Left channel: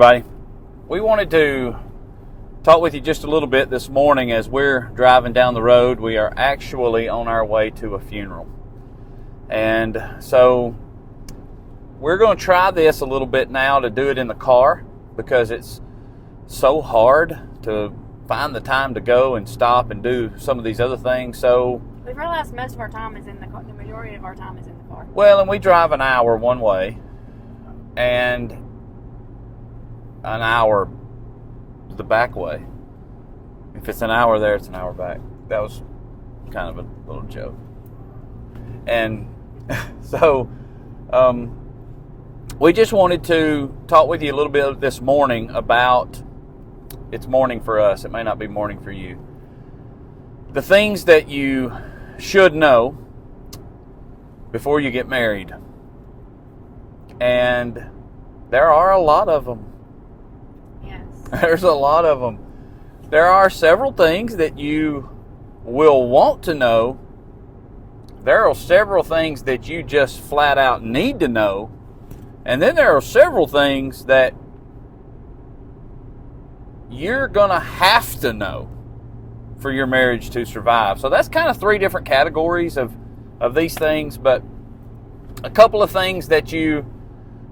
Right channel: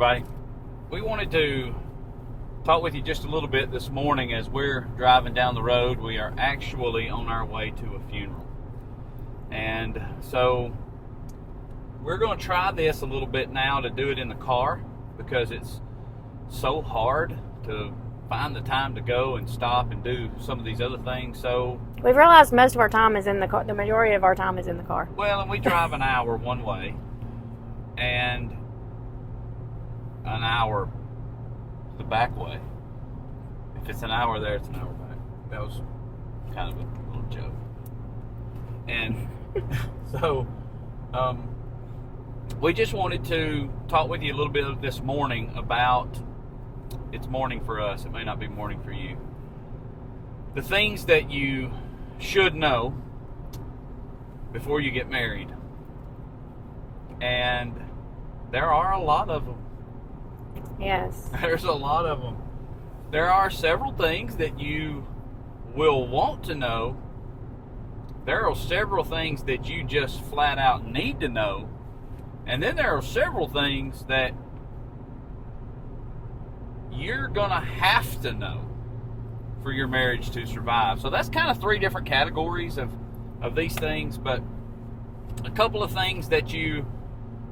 everybody. We wanted to talk with you just a little bit this morning as we're driving down the road. We are actually on our way to a funeral. And so we're going to try this a little bit now to do it in the car because it's so hard to find the time to go and stop and do some of these other things. So we've realized most of our time is in the car. The majority of our time is in the car. Well, and we drive an hour one way and an hour the back way. If it's an hour there, it's an hour back. That was kind of a little joke. And so we just wanted to talk with you a little bit this morning about, it's morning for us, it may not be morning for you, the things that you should know before you get married. And there are a lot of them. Yes. There's a lot of them. There are several things that you will want to know. There are several things that you just flat out need to know. And then there are several things that you're going to have to know for your marriage to survive. So that's kind of three different categories of these things. But a couple of things that you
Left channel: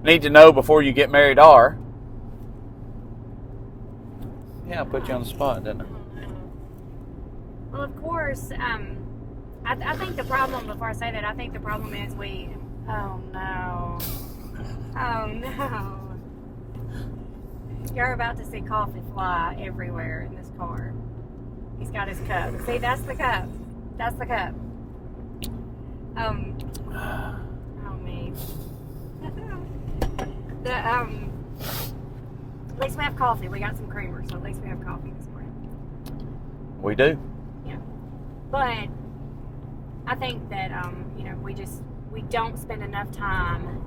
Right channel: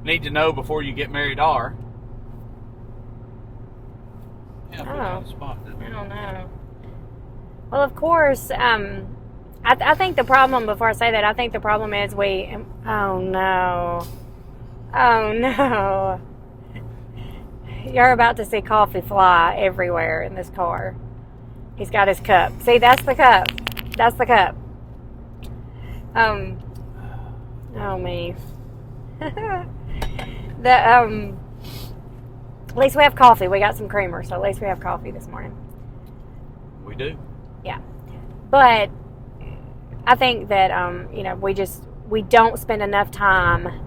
need to know before you get married are... Yeah, I put you on the spot, didn't I? I don't know. Well, of course, I think the problem, before I say that, I think the problem is oh no. Oh no. You're about to see coffee fly everywhere in this car. He's got his cup. See, that's the cup. That's the cup. Oh me. At least we have coffee. We got some creamer, so at least we have coffee this morning. We do. Yeah. But I think that, we don't spend enough time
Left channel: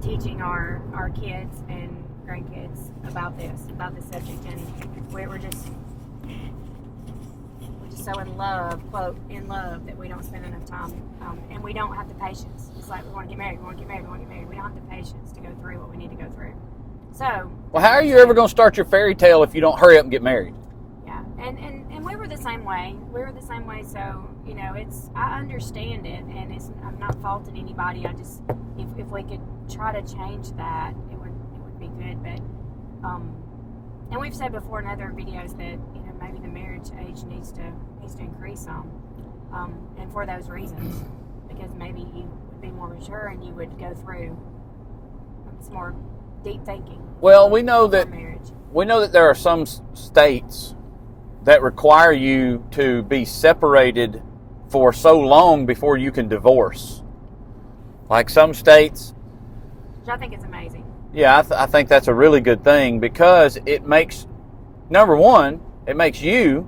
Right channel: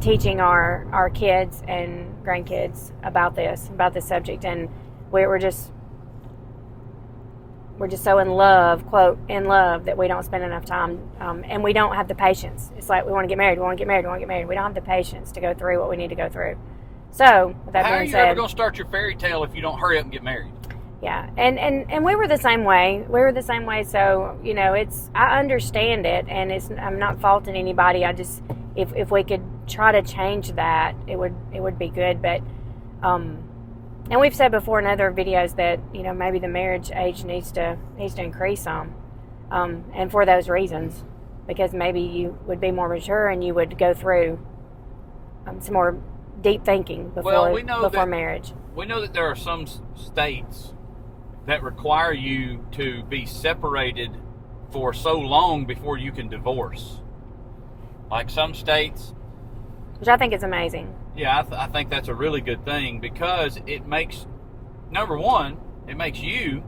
teaching our kids and grandkids about this subject. And we're just so in love, quote, in love, that we don't spend enough time. And we don't have the patience. It's like, we want to get married. We want to get married. We want to get married. We don't have the patience to go through what we need to go through. So, how are you ever going to start your fairy tale if you don't hurry up and get married? Yeah, and we were the same way. So I understand it, and I'm not faulting anybody. I just, if we could try to change that, it would be good. But and we've said before in other videos that maybe the marriage age needs to increase some, and for those reasons, because maybe you would be more mature and you would go through some more deep thinking before marriage. We know that there are some states that require you to be separated for so long before you can divorce. Like some states. Which I think is amazing. Yeah, I think that's a really good thing because it makes, number one, it makes you,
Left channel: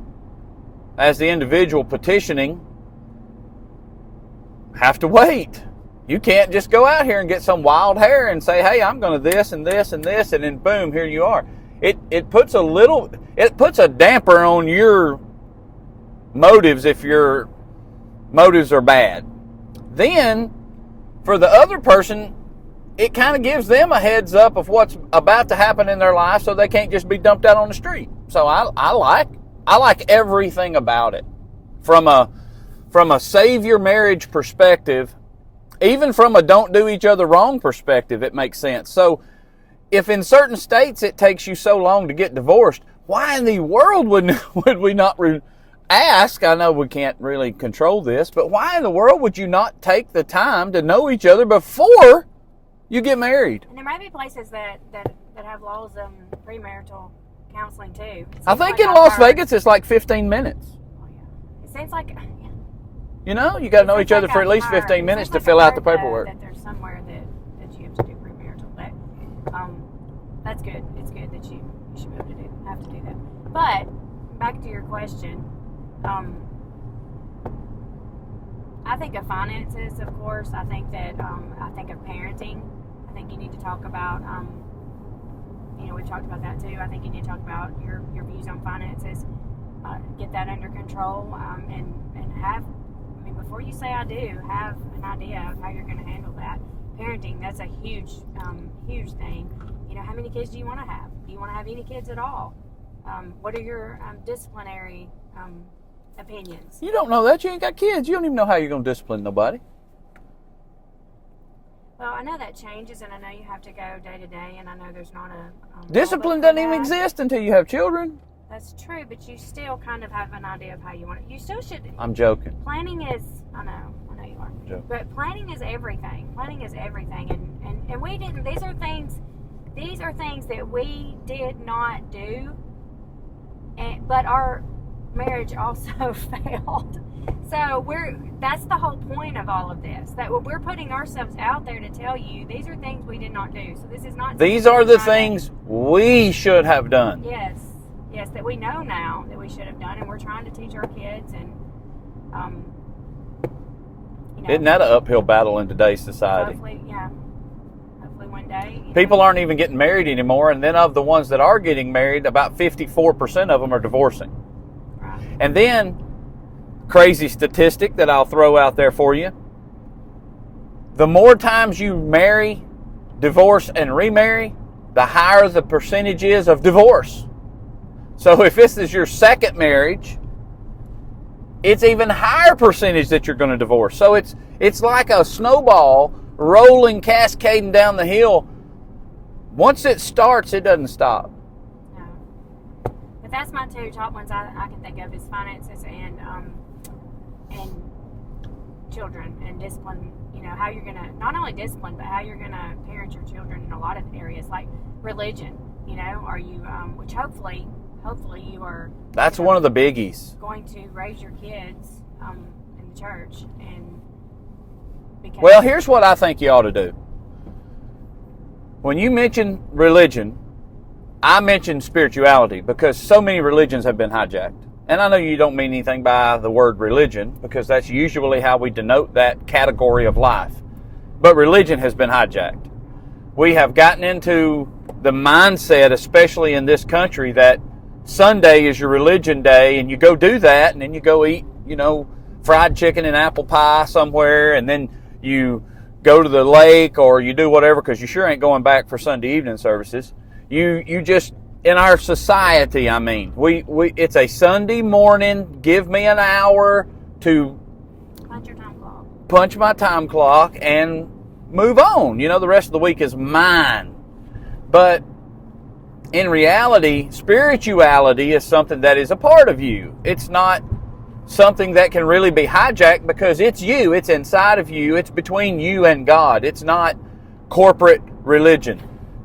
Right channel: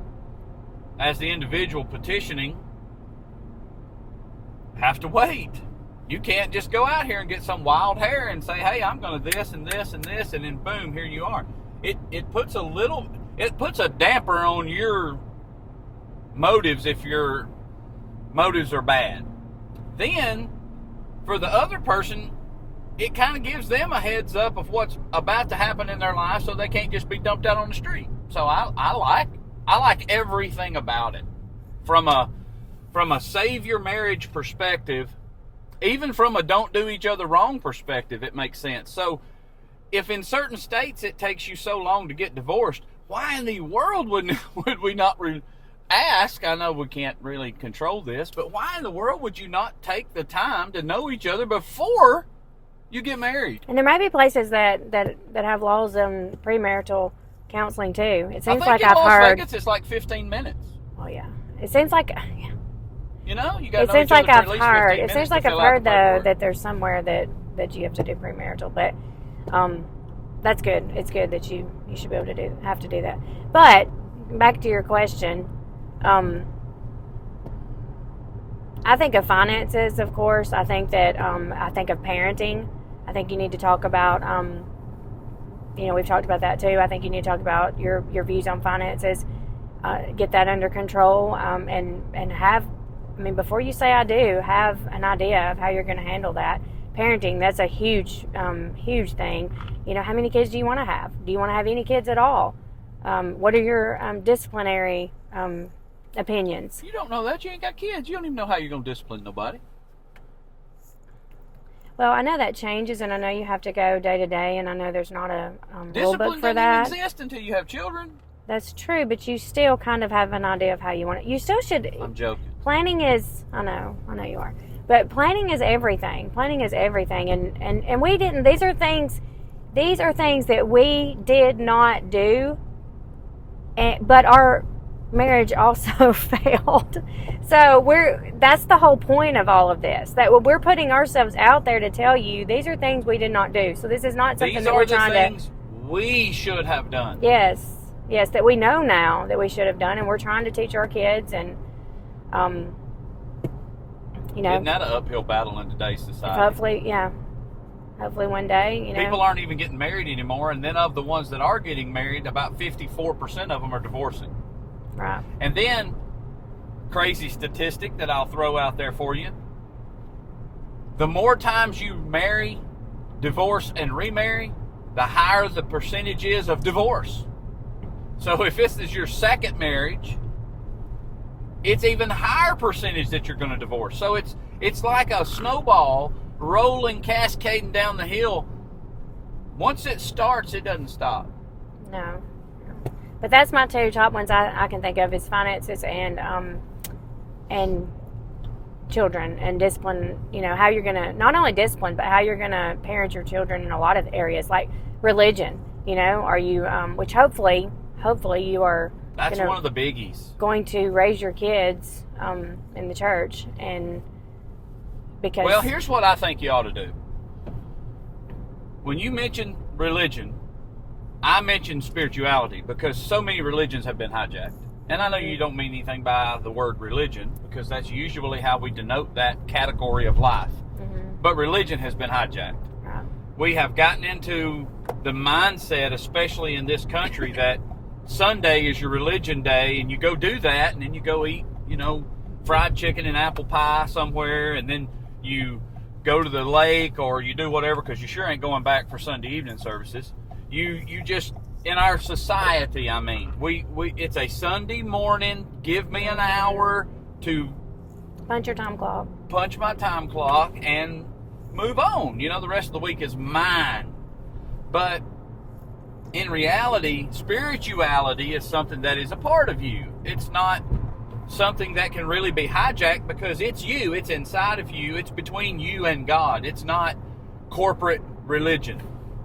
as the individual petitioning, have to wait. You can't just go out here and get some wild hair and say, hey, I'm going to this and this and this, and then boom, here you are. It puts a damper on your motives if your motives are bad. Then, for the other person, it kind of gives them a heads up of what's about to happen in their life so they can't just be dumped out on the street. So I like everything about it. From a save your marriage perspective, even from a don't do each other wrong perspective, it makes sense. So if in certain states it takes you so long to get divorced, why in the world would we not ask? I know we can't really control this, but why in the world would you not take the time to know each other before you get married? And there may be places that have laws on premarital counseling too. I think in Las Vegas it's like 15 minutes. Oh yeah. It seems like... You got to know each other for at least 15 minutes to fill out the paperwork. That there's somewhere that you have to do premarital, but that's good. It's good that you should be able to have to do that. But back to your question, I think of finances, of course. I think that I think of parenting. I think you need to talk about. We've talked about that too. I think you need to talk about your views on finances. Get that under control, and have. Before you say I do, have an idea of how you're going to handle that. parenting, that's a huge, huge thing. You know, how many kids do you want to have? Do you want to have any kids at all? What are your disciplinary opinions? You don't know that. You ain't got kids. You don't even know how you're going to discipline nobody. Well, I know that changes, and I know you have to go day to day, and I know there's not a Discipline doesn't even exist until you have children. That's true, but you still kind of have an idea of how you want it. You still should. I'm joking. Planning is, I know you are. Yeah. But planning is everything. Planning is everything, and we didn't. These are things that we did not do, but our marriage also failed. So that's the whole point of all of this. That we're putting ourselves out there to tell you these are things we did not do. So this is not something these that are the things we should have done. Yes, that we know now that we should have done, and we're trying to teach our kids. And you know, isn't that an uphill battle in today's society? Hopefully one day, you know. People aren't even getting married anymore, and then of the ones that are getting married, about 54% of them are divorcing. Right. And then, crazy statistic that I'll throw out there for you, the more times you marry, divorce, and remarry, the higher the percentage is of divorce. So if this is your second marriage, it's even higher percentage that you're going to divorce. So it's like a snowball rolling, cascading down the hill. Once it starts, it doesn't stop. No. But that's my two top ones I can think of is finances and children and discipline. You know, how you're going to, not only discipline, but how you're going to parent your children in a lot of areas, like religion. You know, are you, which hopefully you are. That's one of the biggies. Going to raise your kids in the church, and because. Well, here's what I think you ought to do. When you mention religion, I mention spirituality because so many religions have been hijacked. And I know you don't mean anything by the word religion because that's usually how we denote that category of life. Mm-hmm. But religion has been hijacked. Right. We have gotten into the mindset, especially in this country, that Sunday is your religion day, and you go do that, and then you go eat, you know, fried chicken and apple pie somewhere, and then you go to the lake or you do whatever because you sure ain't going back for Sunday evening services. You just, in our society, I mean, we it's a Sunday morning, give me an hour to punch your time clock. Punch my time clock and move on. You know, the rest of the week is mine. But in reality, spirituality is something that is a part of you. It's not something that can really be hijacked because it's you. It's inside of you. It's between you and God. It's not corporate religion.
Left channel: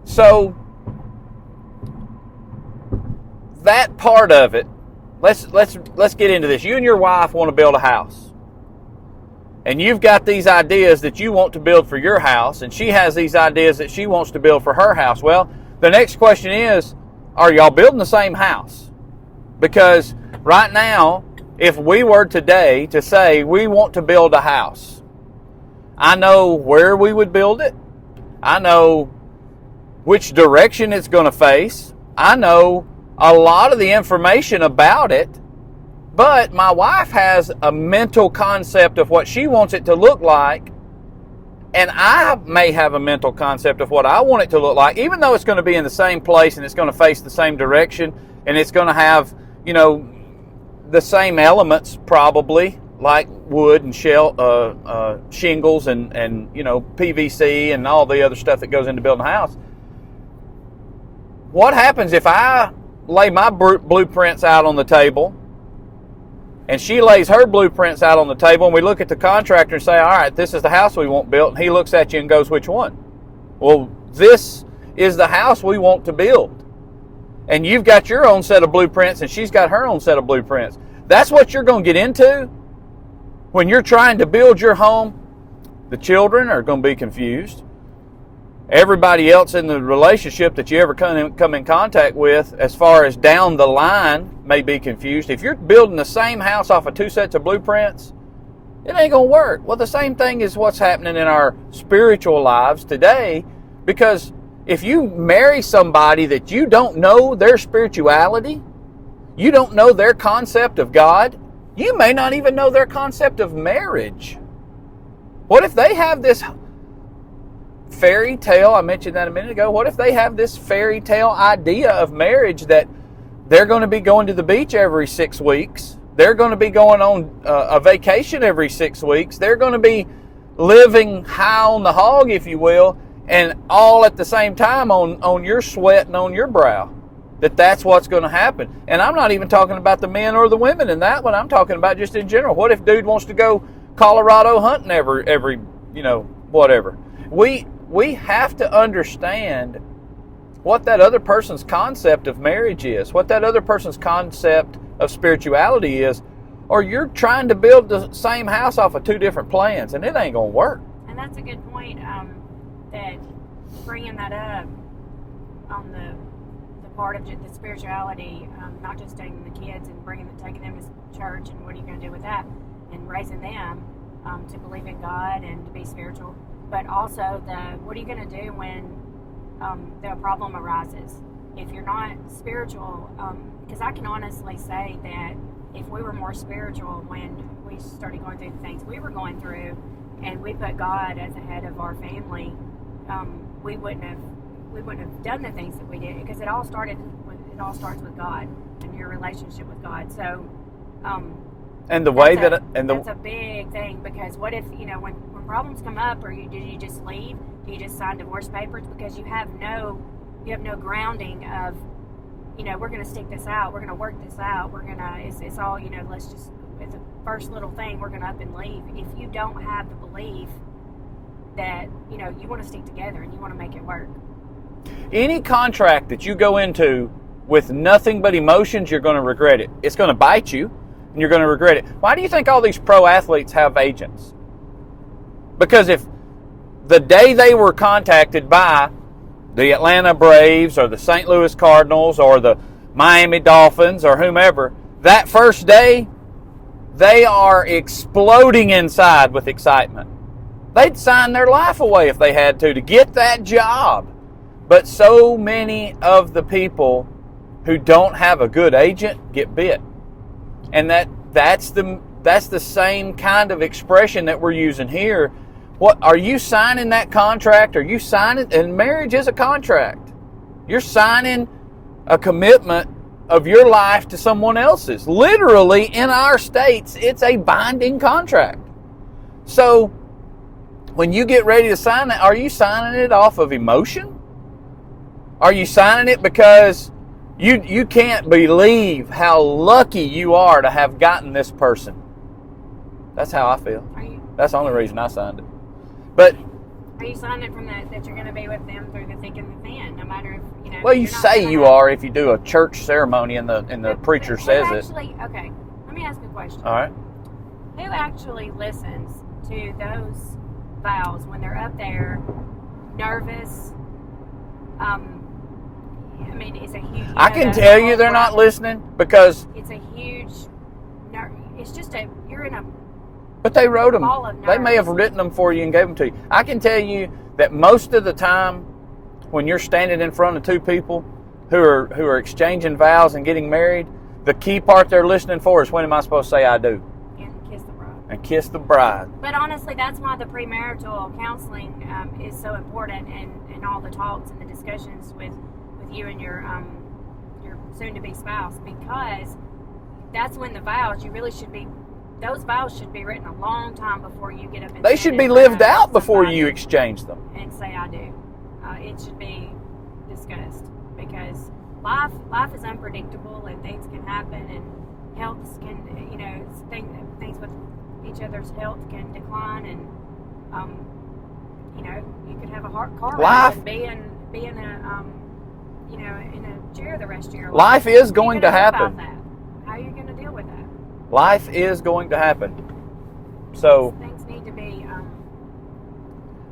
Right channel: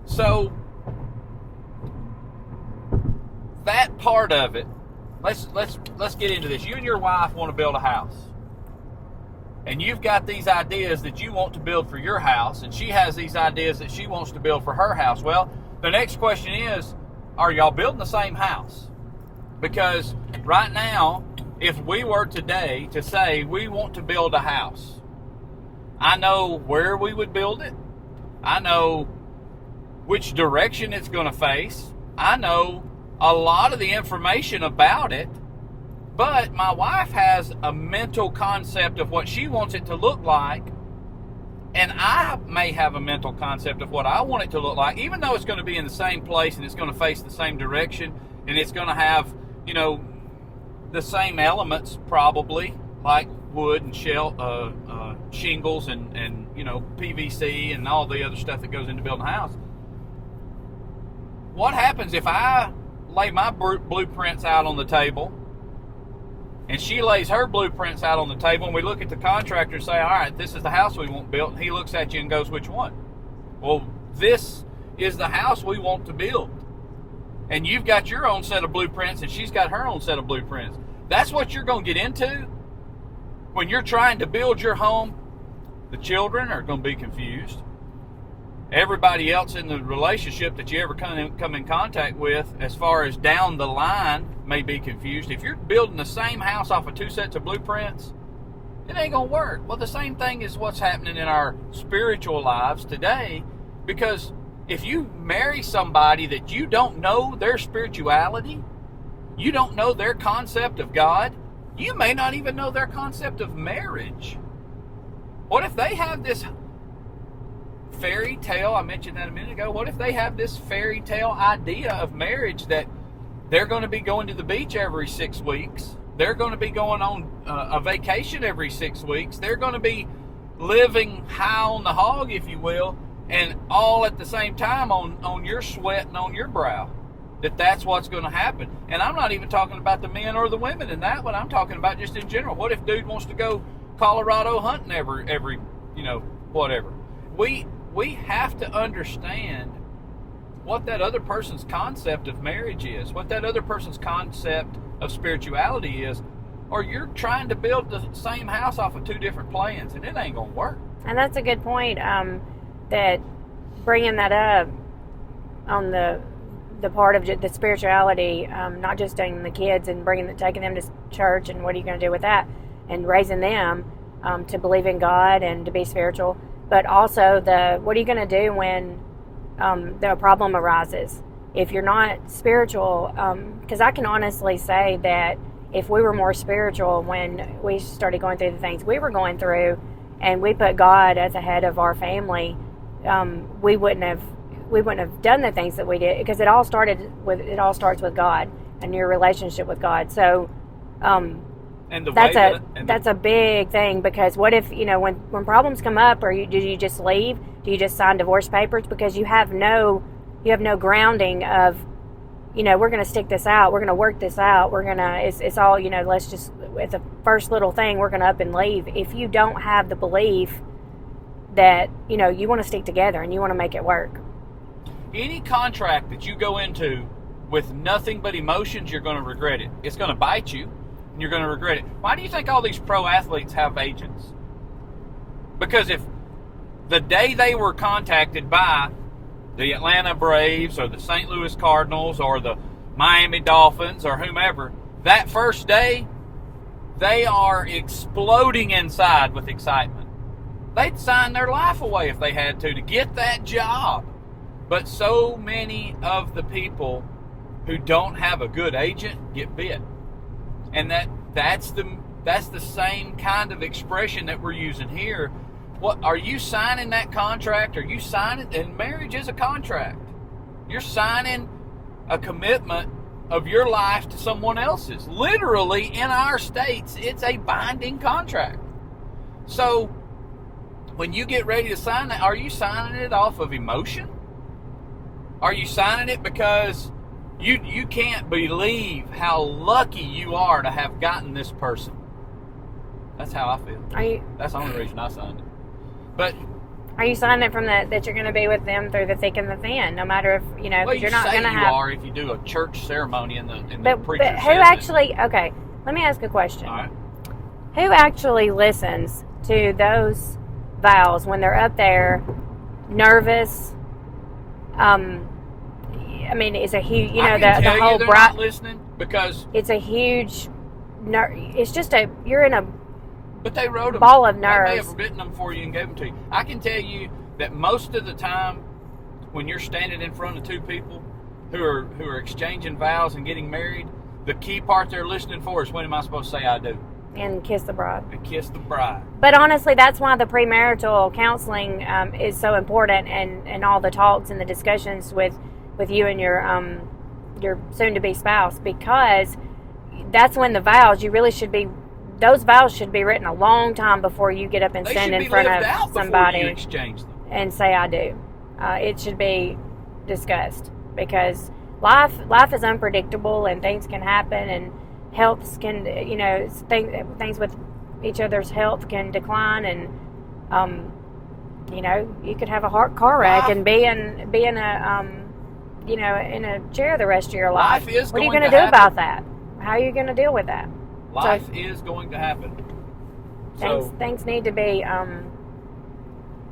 So that part of it, let's get into this. You and your wife want to build a house. And you've got these ideas that you want to build for your house, and she has these ideas that she wants to build for her house. Well, the next question is, are y'all building the same house? Because right now, if we were today to say we want to build a house, I know where we would build it. I know which direction it's going to face. I know a lot of the information about it. But my wife has a mental concept of what she wants it to look like. And I may have a mental concept of what I want it to look like, even though it's going to be in the same place and it's going to face the same direction and it's going to have, you know, the same elements probably, like wood and shingles and you know, PVC and all the other stuff that goes into building a house. What happens if I lay my blueprints out on the table and she lays her blueprints out on the table, and we look at the contractor and say, all right, this is the house we want built. And he looks at you and goes, which one? Well, this is the house we want to build. And you've got your own set of blueprints, and she's got her own set of blueprints. That's what you're going to get into when you're trying to build your home. The children are going to be confused. Everybody else in the relationship that you ever come in contact with, as far as down the line, may be confused. If you're building the same house off of two sets of blueprints, it ain't going to work. Well, the same thing is what's happening in our spiritual lives today, because if you marry somebody that you don't know their spirituality, you don't know their concept of God, you may not even know their concept of marriage. What if they have this fairy tale, I mentioned that a minute ago, what if they have this fairy tale idea of marriage that they're going to be going to the beach every 6 weeks, they're going to be going on a vacation every 6 weeks, they're going to be living high on the hog, if you will, and all at the same time on your sweat and on your brow? That's what's going to happen. And I'm not even talking about the men or the women in that one. I'm talking about just in general. What if dude wants to go Colorado hunting every whatever? We have to understand what that other person's concept of marriage is, what that other person's concept of spirituality is, or you're trying to build the same house off of two different plans, and it ain't going to work. And that's a good point, that bringing that up on the part of the spirituality, not just taking the kids and taking them to church, and what are you going to do with that, and raising them to believe in God and to be spiritual, but also what are you going to do when the problem arises if you're not spiritual? Because I can honestly say that if we were more spiritual when we started going through the things we were going through, and we put God as the head of our family, we wouldn't have done the things that we did, because it all starts with God and your relationship with God. So, and the way that's a big thing, because what if, when problems come up, do you just leave? Do you just sign divorce papers? Because you have no grounding of, we're going to stick this out, we're going to work this out, it's all, let's just, at the first little thing, we're going to up and leave. If you don't have the belief that, you want to stick together and you want to make it work. Any contract that you go into with nothing but emotions, you're going to regret it. It's going to bite you, and you're going to regret it. Why do you think all these pro athletes have agents? Because if the day they were contacted by the Atlanta Braves or the St. Louis Cardinals or the Miami Dolphins or whomever, that first day, they are exploding inside with excitement. They'd sign their life away if they had to get that job. But so many of the people who don't have a good agent get bit. And that's the same kind of expression that we're using here. What are you signing that contract? Are you signing? And marriage is a contract. You're signing a commitment of your life to someone else's. Literally, in our states, it's a binding contract. So when you get ready to sign that, are you signing it off of emotion? Are you signing it because you can't believe how lucky you are to have gotten this person? That's how I feel. That's the only reason I signed it. But are you signing it from that you're going to be with them through the thick and the thin, no matter if Well, you say you are if you do a church ceremony and the preacher but says it. Actually, okay, let me ask a question. All right. Who actually listens to those vows when they're up there, nervous? I mean, it's a huge. I can tell you they're not listening, because it's a huge. It's just you're in a. But they wrote them. Ball of nerves. They may have written them for you and gave them to you. I can tell you that most of the time, when you're standing in front of two people who are exchanging vows and getting married, the key part they're listening for is, when am I supposed to say I do? And kiss the bride. And kiss the bride. But honestly, that's why the premarital counseling is so important, and all the talks and the discussions with you and your soon-to-be spouse, because that's when the vows, those vows should be written a long time before you get up and they stand should be in front lived of out before you somebody exchange them and say I do. It should be discussed, because life is unpredictable, and things can happen, and health can, things with each other's health can decline, and you could have a car wreck and be in a in a chair the rest of your life. Life is going to happen. What are you going to do about that? How are you going to deal with that? Life is going to happen. So things need to be.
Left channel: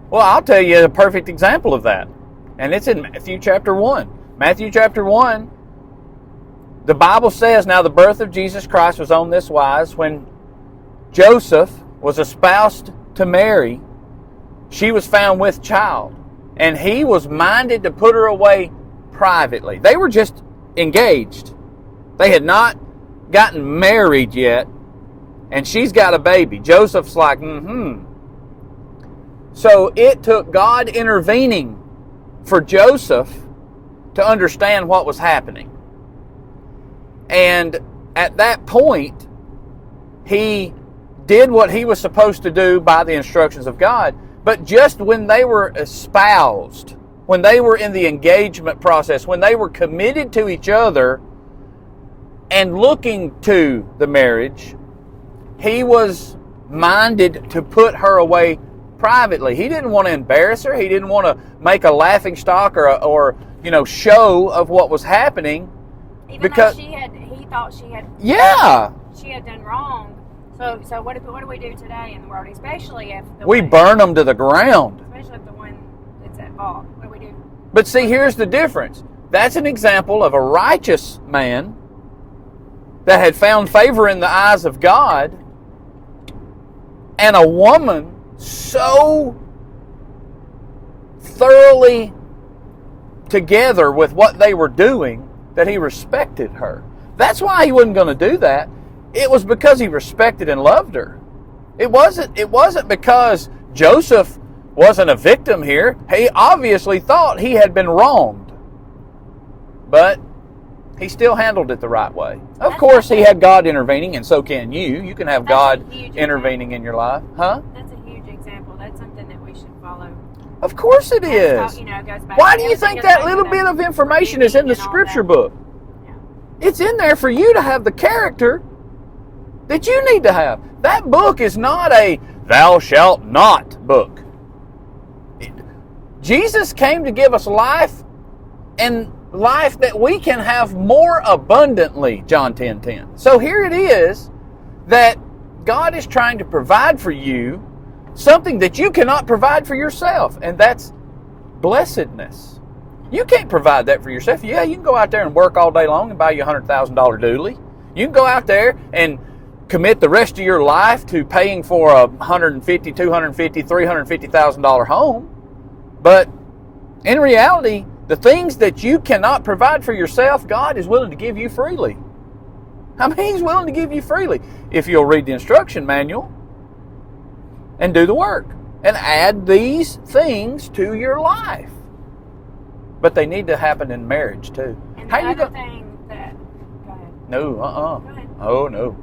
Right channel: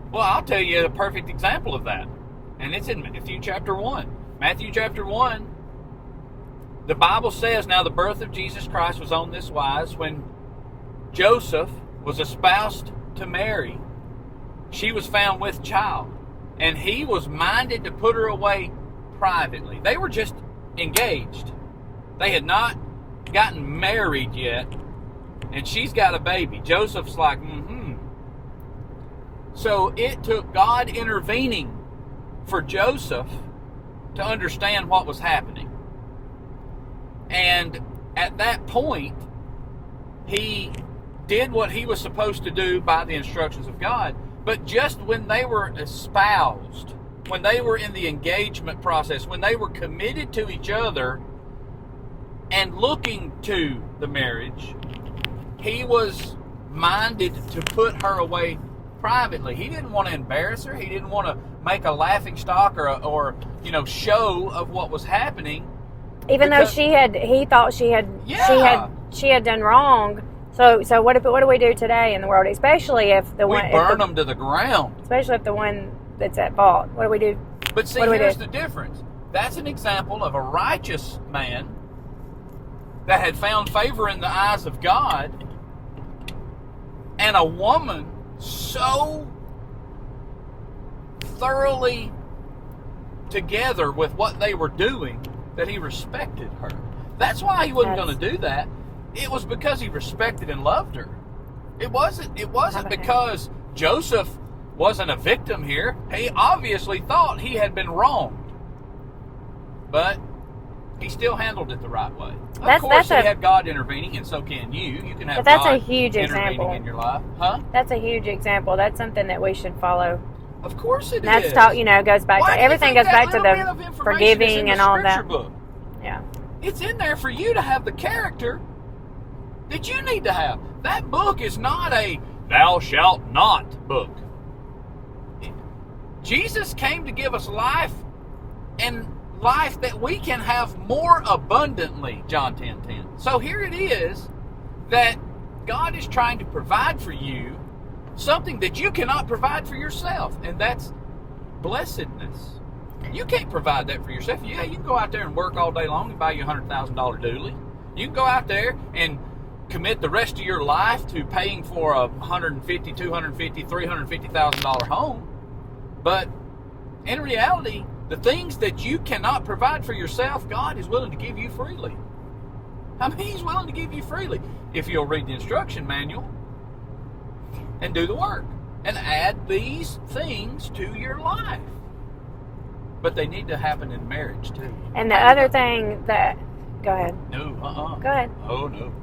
Well, I'll tell you a perfect example of that, and it's in Matthew chapter 1. Matthew chapter 1, the Bible says, now the birth of Jesus Christ was on this wise: when Joseph was espoused to Mary, she was found with child, and he was minded to put her away privately. They were just engaged. They had not gotten married yet, and she's got a baby. Joseph's like, So it took God intervening for Joseph to understand what was happening. And at that point, he did what he was supposed to do by the instructions of God. But just when they were espoused, when they were in the engagement process, when they were committed to each other and looking to the marriage, he was minded to put her away privately. He didn't want to embarrass her. He didn't want to make a laughing stock or show of what was happening. Even though he thought she had done wrong. So what do we do today in the world, especially if we burn them to the ground? Especially if the one that's at fault. What do we do? But see, here's the difference. That's an example of a righteous man that had found favor in the eyes of God, and a woman so thoroughly together with what they were doing that he respected her. That's why he wasn't going to do that. It was because he respected and loved her. It wasn't because Joseph wasn't a victim here. He obviously thought he had been wronged. But he still handled it the right way. Of course, he had God intervening, and so can you. You can have God intervening in your life. Huh? That's a huge example. That's something that we should follow. Of course it is. Goes back. Why do you think that little bit of information is in the scripture book? Yeah. It's in there for you to have the character that you need to have. That book is not a thou shalt not book. Jesus came to give us life, and life that we can have more abundantly, John 10:10. So here it is that God is trying to provide for you something that you cannot provide for yourself, and that's blessedness. You can't provide that for yourself. Yeah, you can go out there and work all day long and buy you a $100,000 dually. You can go out there and commit the rest of your life to paying for a $150,000, $250,000, $350,000 home. But in reality, the things that you cannot provide for yourself, God is willing to give you freely. I mean, He's willing to give you freely if you'll read the instruction manual and do the work and add these things to your life. But they need to happen in marriage too. And the other thing that... Go ahead. No, Go ahead. Oh, no.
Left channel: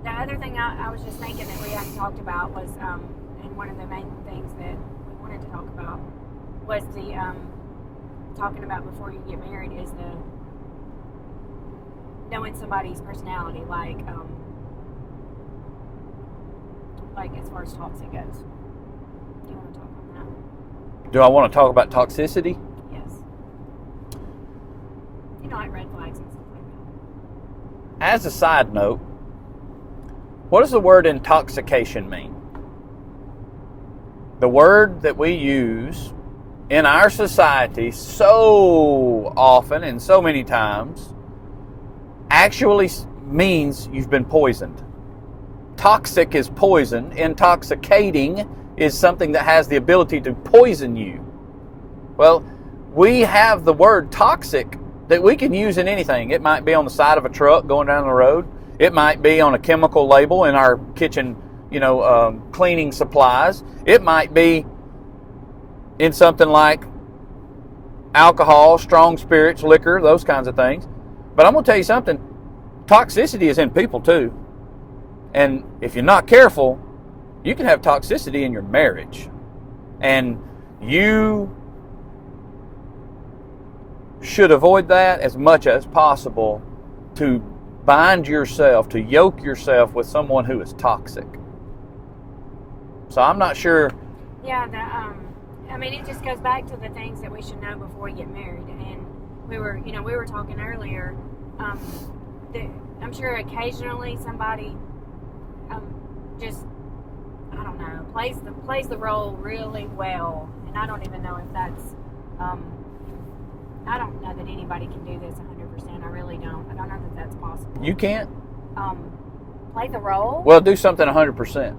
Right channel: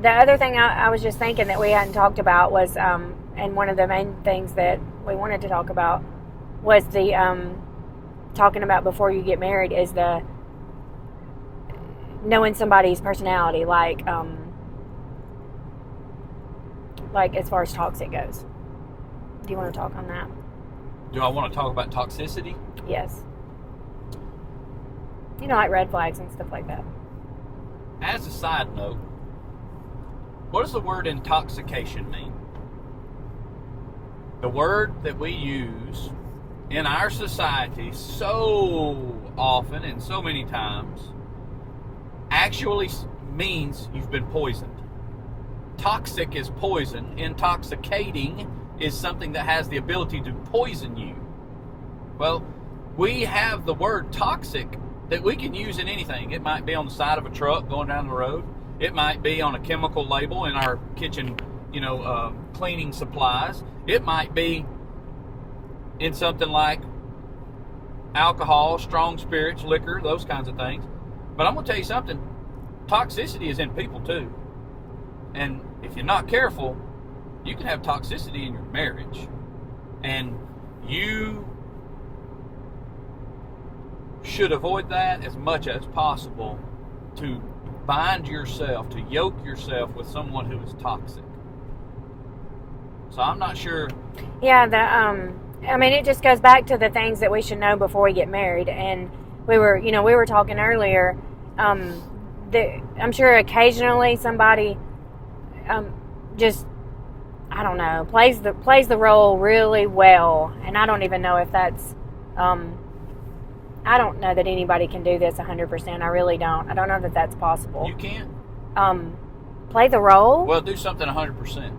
The other thing I was just thinking that we hadn't talked about was, and one of the main things that we wanted to talk about was the... talking about before you get married is the knowing somebody's personality, like as far as toxic goes. Do you want to talk on that? Do I want to talk about toxicity? Yes. Like red flags and stuff like that. As a side note, what does the word intoxication mean? The word that we use in our society so often and so many times actually means you've been poisoned. Toxic is poison. Intoxicating is something that has the ability to poison you. Well, we have the word toxic that we can use in anything. It might be on the side of a truck going down the road. It might be on a chemical label in our kitchen, cleaning supplies. It might be in something like alcohol, strong spirits, liquor, those kinds of things. But I'm going to tell you something. Toxicity is in people too. And if you're not careful, you can have toxicity in your marriage. And you should avoid that as much as possible, to bind yourself, to yoke yourself with someone who is toxic. So I'm not sure. Yeah, it just goes back to the things that we should know before we get married. And we were talking earlier. I'm sure occasionally somebody just, I don't know, plays the role really well. And I don't even know if that's, I don't know that anybody can do this 100%. I really don't. I don't know that that's possible. You can't? Play the role? Well, do something 100%.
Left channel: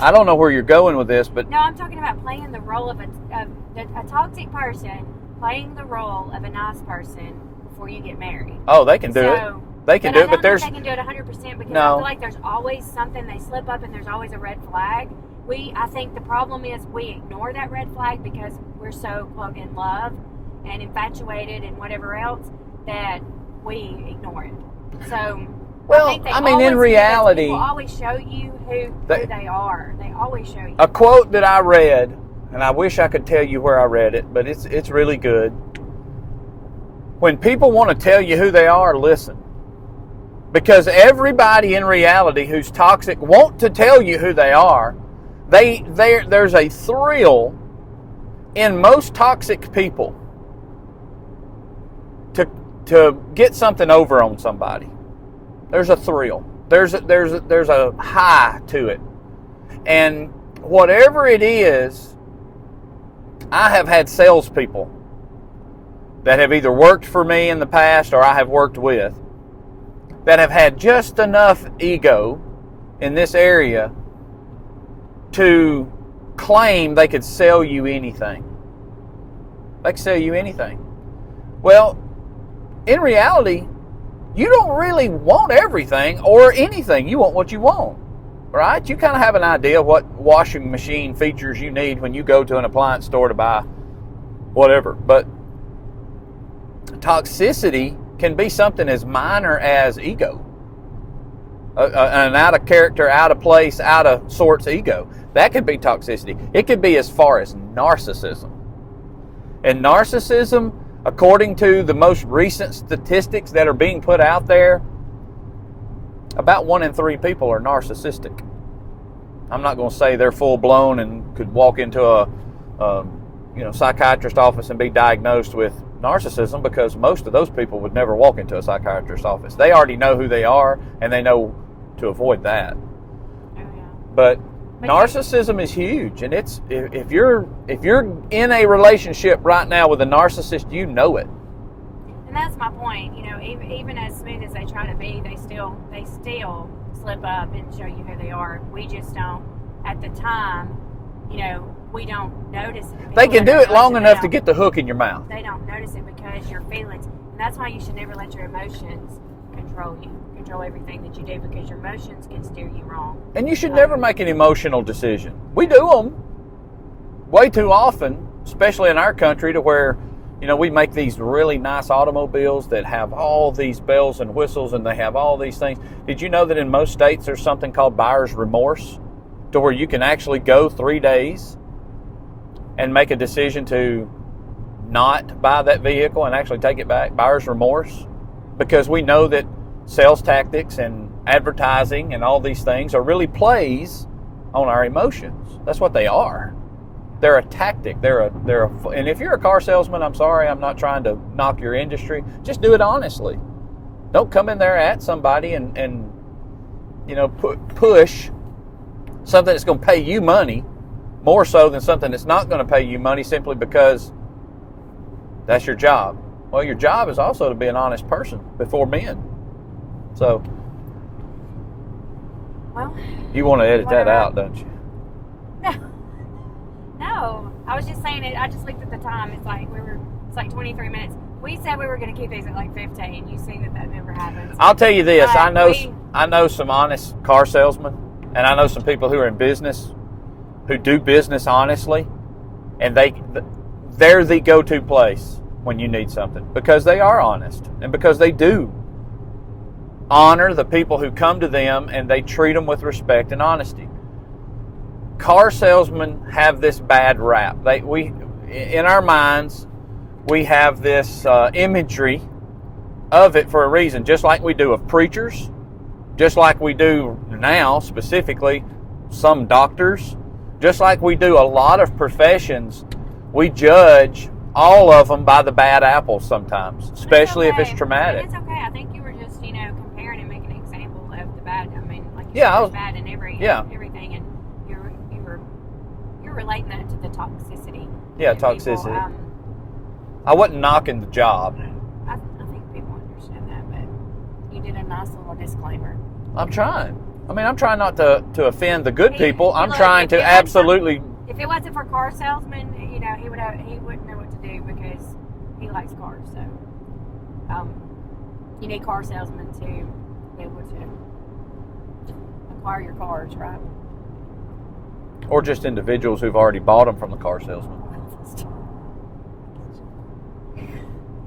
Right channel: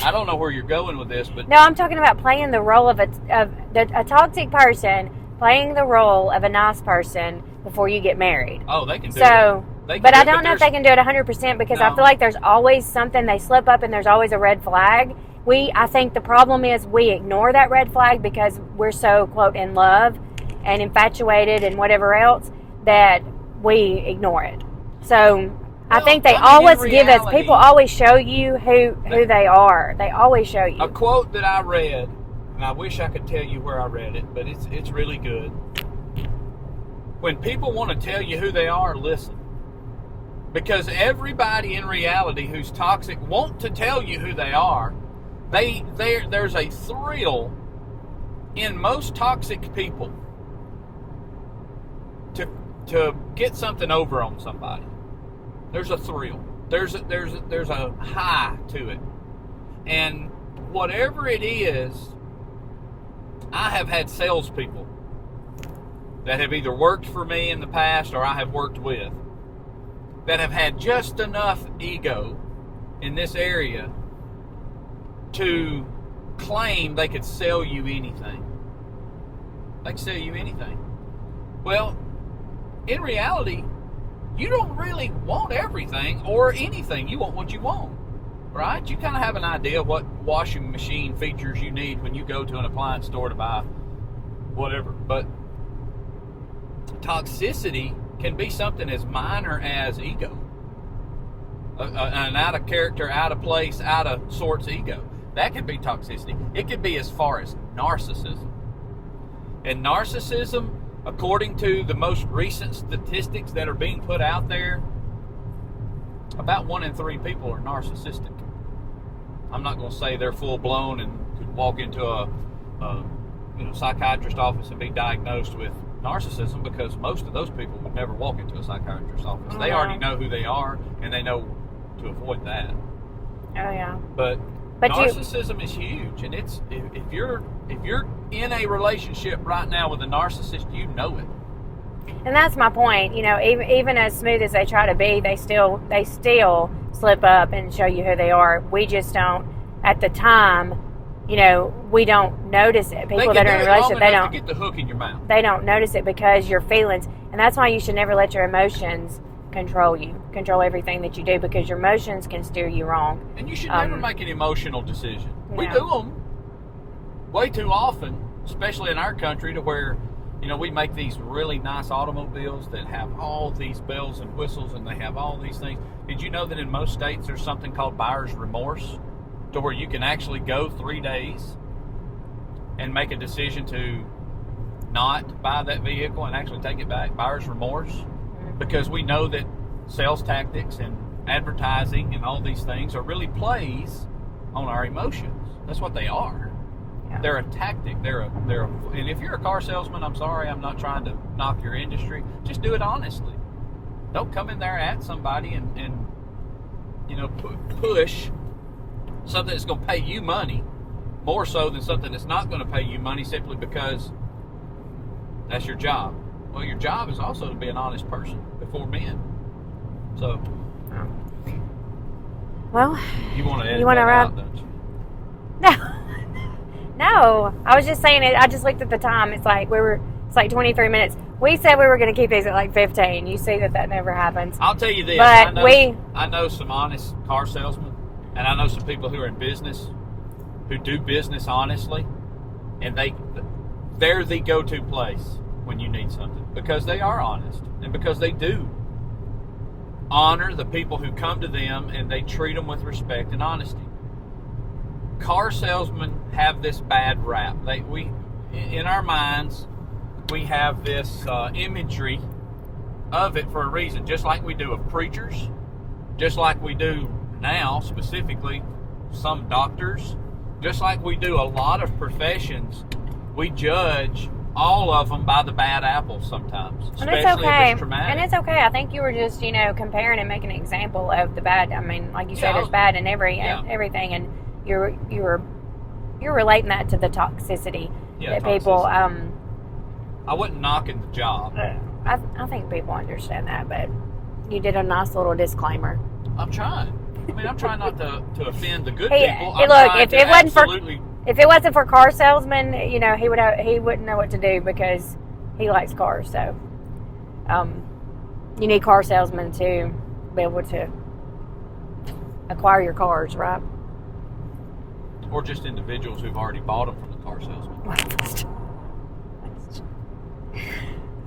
I don't know where you're going with this, but... No, I'm talking about playing the role of a toxic person, playing the role of a nice person before you get married. Oh, they can do it. They can But I do it, don't know if they can do it 100% because I No. feel like there's always something they slip up and there's always a red flag. I think the problem is we ignore that red flag because we're so, quote, in love and infatuated and whatever else that we ignore it. So Well, I think they I mean, in always reality, people always show you who they are. They always show you. A quote that I read, and I wish I could tell you where I read it, but it's really good. When people want to tell you who they are, listen. Because everybody in reality who's toxic want to tell you who they are. There's a thrill in most toxic people to get something over on somebody. There's a thrill. There's a high to it. And whatever it is, I have had salespeople that have either worked for me in the past or I have worked with that have had just enough ego in this area to claim they could sell you anything. They could sell you anything. Well, in reality, you don't really want everything or anything. You want what you want, right? You kind of have an idea of what washing machine features you need when you go to an appliance store to buy whatever. But toxicity can be something as minor as ego. An out of character, out of place, out of sorts ego. That could be toxicity. It could be as far as narcissism. And narcissism, according to the most recent statistics that are being put out there, about 1 in 3 people are narcissistic. I'm not going to say they're full blown and could walk into a psychiatrist office and be diagnosed with narcissism, because most of those people would never walk into a psychiatrist's office. They already know who they are and they know to avoid that. Oh yeah. But narcissism is huge, and it's if you're in a relationship right now with a narcissist, you know it. And that's my point. Even as smooth as they try to be, they still slip up and show you who they are. We just don't at the time. We don't notice it. They can do it long enough to get the hook in your mouth. They don't notice it because your feelings, and that's why you should never let your emotions control you, control everything that you do, because your emotions can steer you wrong. And you should never make an emotional decision. Yeah. We do them way too often, especially in our country, to where, we make these really nice automobiles that have all these bells and whistles and they have all these things. Did you know that in most states there's something called buyer's remorse, to where you can actually go 3 days and make a decision to not buy that vehicle and actually take it back? Buyer's remorse. Because we know that sales tactics and advertising and all these things are really plays on our emotions. That's what they are. Yeah. They're a tactic. And if you're a car salesman, I'm sorry, I'm not trying to knock your industry. Just do it honestly. Don't come in there at somebody and push something that's going to pay you money more so than something that's not going to pay you money simply because that's your job. Well, your job is also to be an honest person before men. So, well, you want to edit that out, don't you? No. I was just saying it. I just looked at the time. It's like 23 minutes. We said we were going to keep these at like 15. You see that never happens. I'll tell you this. But I know some honest car salesmen, and I know some people who are in business who do business honestly, and they're the go-to place when you need something, because they are honest and because they do honor the people who come to them and they treat them with respect and honesty. Car salesmen have this bad rap. In our minds, we have this imagery of it for a reason, just like we do of preachers, just like we do now specifically some doctors, just like we do a lot of professions. We judge all of them by the bad apples sometimes, especially if it's traumatic. And it's okay. I think you were just, comparing and making an example of the bad. I mean, like you said, there's bad in everything, and you're relating that to the toxicity. Yeah, that toxicity. People, I wasn't knocking the job. I think people understand that, but you did a nice little disclaimer. I'm trying. I'm trying not to offend the good people. I'm look, trying to absolutely. If it wasn't for car salesmen, he wouldn't know what to do because he likes cars. So, You need car salesmen to be able to acquire your cars, right? Or just individuals who've already bought them from the car salesman.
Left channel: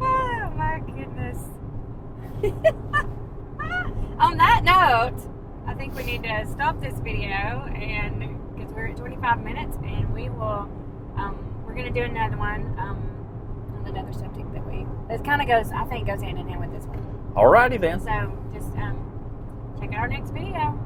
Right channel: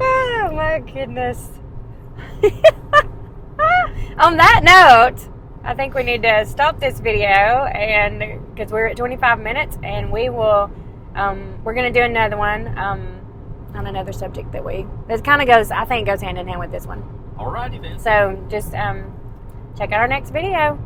Oh my goodness. On that note, I think we need to stop this video, and because we're at 25 minutes, and we will we're going to do another one on another subject that kind of goes, I think, goes hand in hand with this one. Alrighty then. So just check out our next video.